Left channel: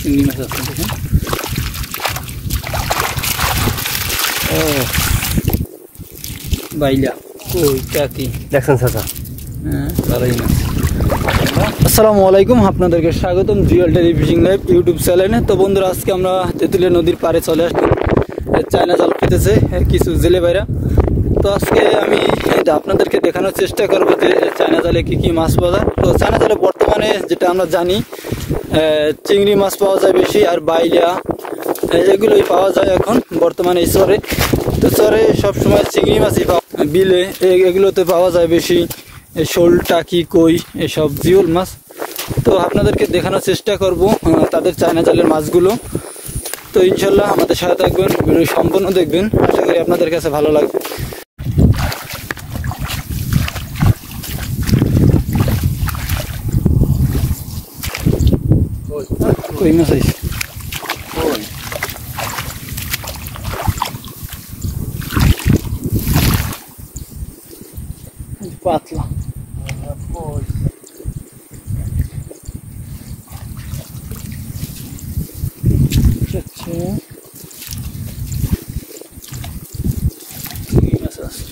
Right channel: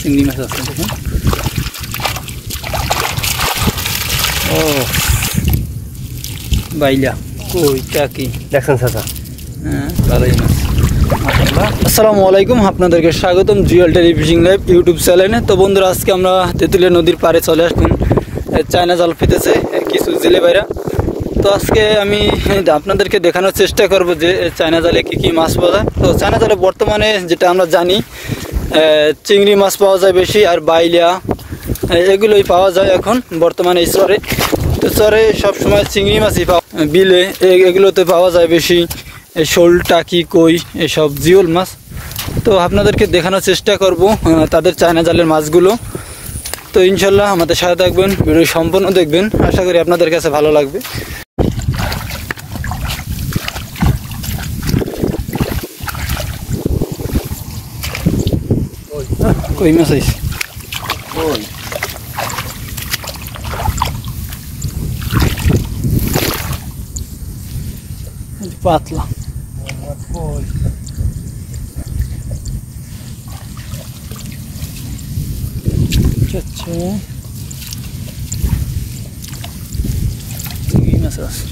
চিংড়ি মাছ আছে দেখুন। ও বাইলা কই টাকি দেখছেন চাচা? হ্যাঁ ভালোই মাছ। আসসালামু আলাইকুম, আপনাদেরকে স্বাগতম জিওল টেলি ফিশিং লাইভ ইউটিউব চ্যানেলে। তো বন্ধুরা, আজকে আমরা তেঁতুলিয়া নদীর পাড়ে চলে আসলাম। চায়না জাল পেতেছে কিছু জেলে বাইরা। তো আজকে আমি আপনাদেরকে দেখানোর চেষ্টা করব যে চায়না জালে কি কি মাছ পাওয়া যায়। তো চায়না জালে বর্তমানে যেটা আমরা জানি চিংড়ি মাছ পাওয়া যায় বেশি, আর বাইলা এগুলোই পাওয়া যায় এখন বর্তমানে এই চরে। তো চরে সবসময় চিংড়ি মাছই পাওয়া, বিলে এগুলোতে পাওয়া যায় বেশি শোল, টাকি, কই, এসব জিওল মাছ। তো আপনাদেরকে দেখানোর চেষ্টা করব তাদের চায়না জালের মাছগুলো। তো ইনশাল্লাহ আমাদের সাথে থাকবেন, ভিডিও সম্পূর্ণ দেখবেন, আশা করি আপনাদের কাছে ভালো লাগবে। কই মাছ আইছে, পাতলা চিংড়ি মাছ আছে।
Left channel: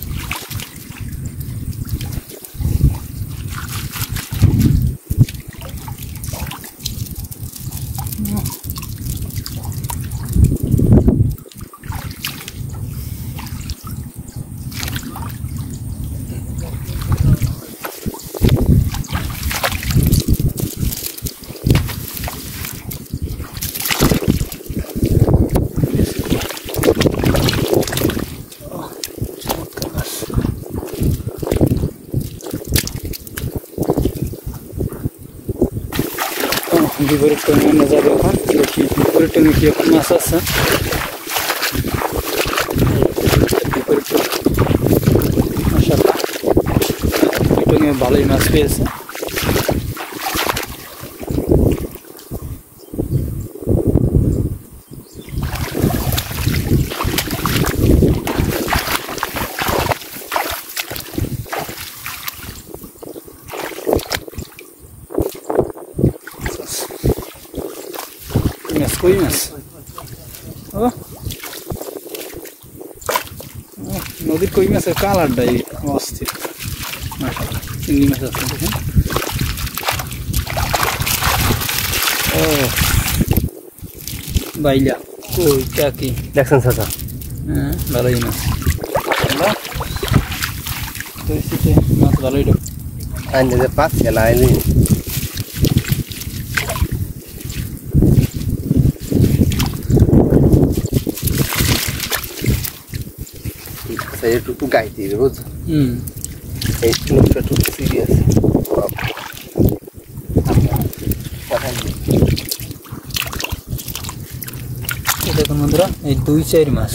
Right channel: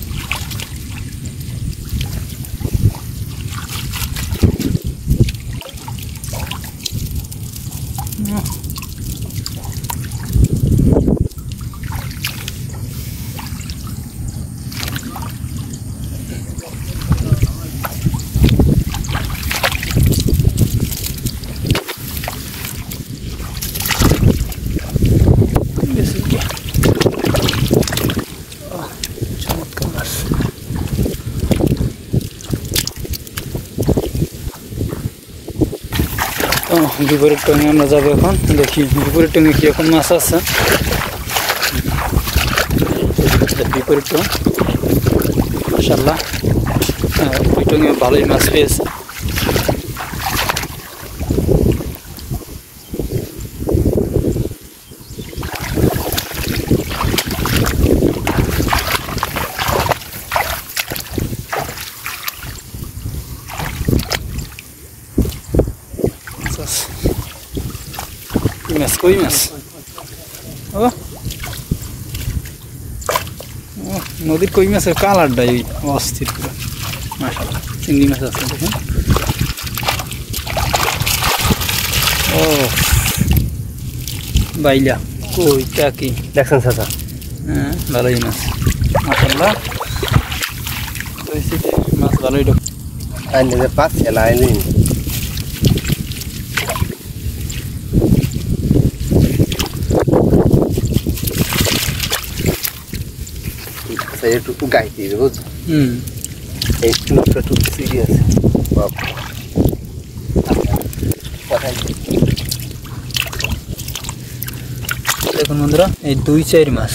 বিপরীত টঙে আমরা যাবো এখন, দেখি বিপরীত টঙে কি এখন মাছ আছে। বিপরীত টং মাশাআল্লাহ, ওই টঙে ভালোই মাছ পেয়েছে। কই মাছ, ও নদীর কই মাছের কালারটাই অস্থির মাশাআল্লাহ। চিংড়ি মাছ আছে দেখুন। ও বাইলা কই টাকি দেখছেন চাচা? হ্যাঁ ভালোই মাছ মাশাআল্লাহ। মাছ ভালোই ঢোক আইনে পাচ্ছে না আইনি একটু গাইতে বুঝছো? এই লোকটা একটু সিরিয়াস। দেখুন বন্ধুরা, এই 2-4 মাছ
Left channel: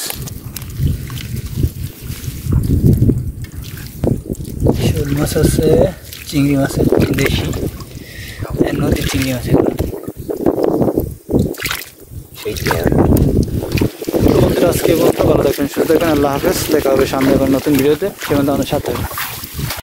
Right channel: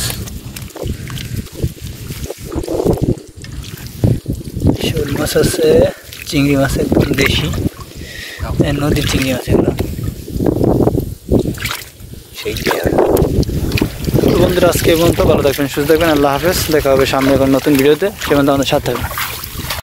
শোল মাছ আছে, চিংড়ি মাছ একদম দেশি নদীর চিংড়ি মাছ এগুলো। বন্ধুরা, আজকে এই পর্যন্ত, ভালো থাকবেন, সুস্থ থাকবেন, আল্লাহ হাফেজ। দেখা হবে সামনে নতুন ভিডিওতে, সে পর্যন্ত আমাদের সাথে থাকবেন।